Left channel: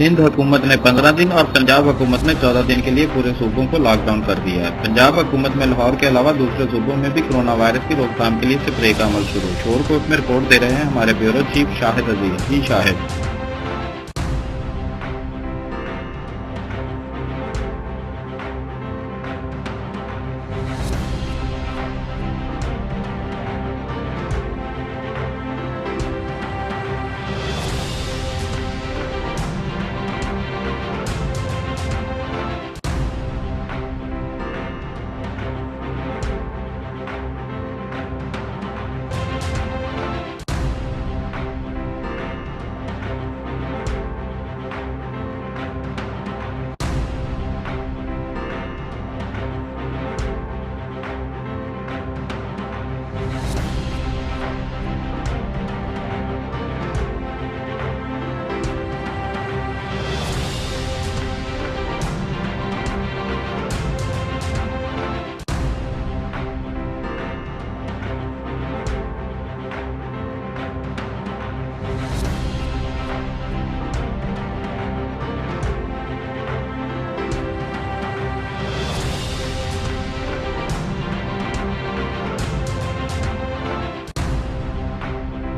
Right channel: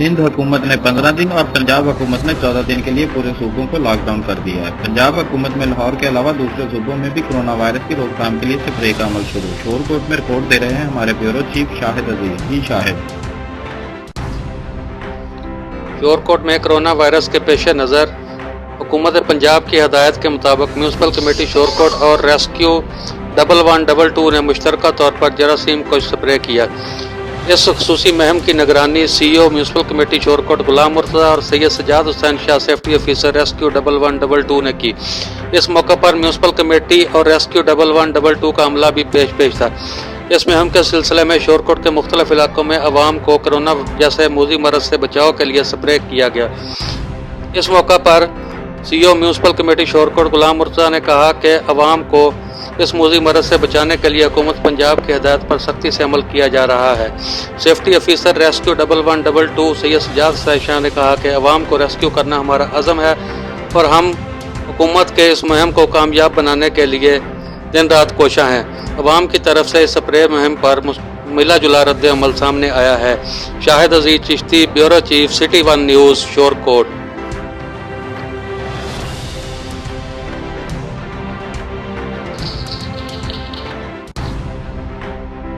सिंध हुकूमत ने 15 दिन और पंजाब हुकूमत ने 14 दिन के लिए पूरे सूबों को लॉकडाउन कर दिया है। पंजाब हुकूमत में लाहौर के अलावा दूसरे सूबों में भी कोरोना वायरस की रोकथाम के लिए स्प्रे का अमल शुरू। शोरकोट में रिपोर्ट दे रहे हैं हमारे ब्यूरो चीफ शाहिद अजीज। जी शाहिद। शोरकोट में कोरोना वायरस के पेश नज़र हुकूमत पंजाब की हदायत के मुताबिक म्यूनसिपल कमेटी शोरकोट और रेस्क्यू 1122 ने मुश्तरका तौर पर जरासीम को स्प्रे किया। इस खसूसी मुहिम की निगरानी CEO municipal committee Shorkot Ghulam Murtaza और Syed Sajjad Hussain Shah safety officer rescue 1122 ने की। इस मौके पर म्यूनसिपल कमेटी और रेस्क्यू 1122 का अमला भी पेश था। इस मुहिम के सिलसिले में शोरकोट के मुख्तलिफ इलाकों में अवाम को कोरोना जैसे मूजी मरज से बचाव के लिए स्प्रे किया गया। इस मौका पर CEO municipal committee Shorkot Ghulam Murtaza ने कहा कि अवाम को इस मूजी मरज से बचाने के लिए हुकूमत पंजाब की हदायत पर सख्ती से अमल किया जा रहा है। Safety officer rescue 1122 Syed Sajjad Shah ने कहा कि अवाम को रेस्क्यू करना हमारा अज़म है और हम हुकूमत के इस मुहिम को कामयाब बनाने के लिए दिन रात कोशा हैं। अवाम की तरफ से इस स्प्रे मुहिम पर मिला जुला रद्द अमल सामने आया है। Shahid Aziz Chishti, bureau chief, city 1 news, Shorkot.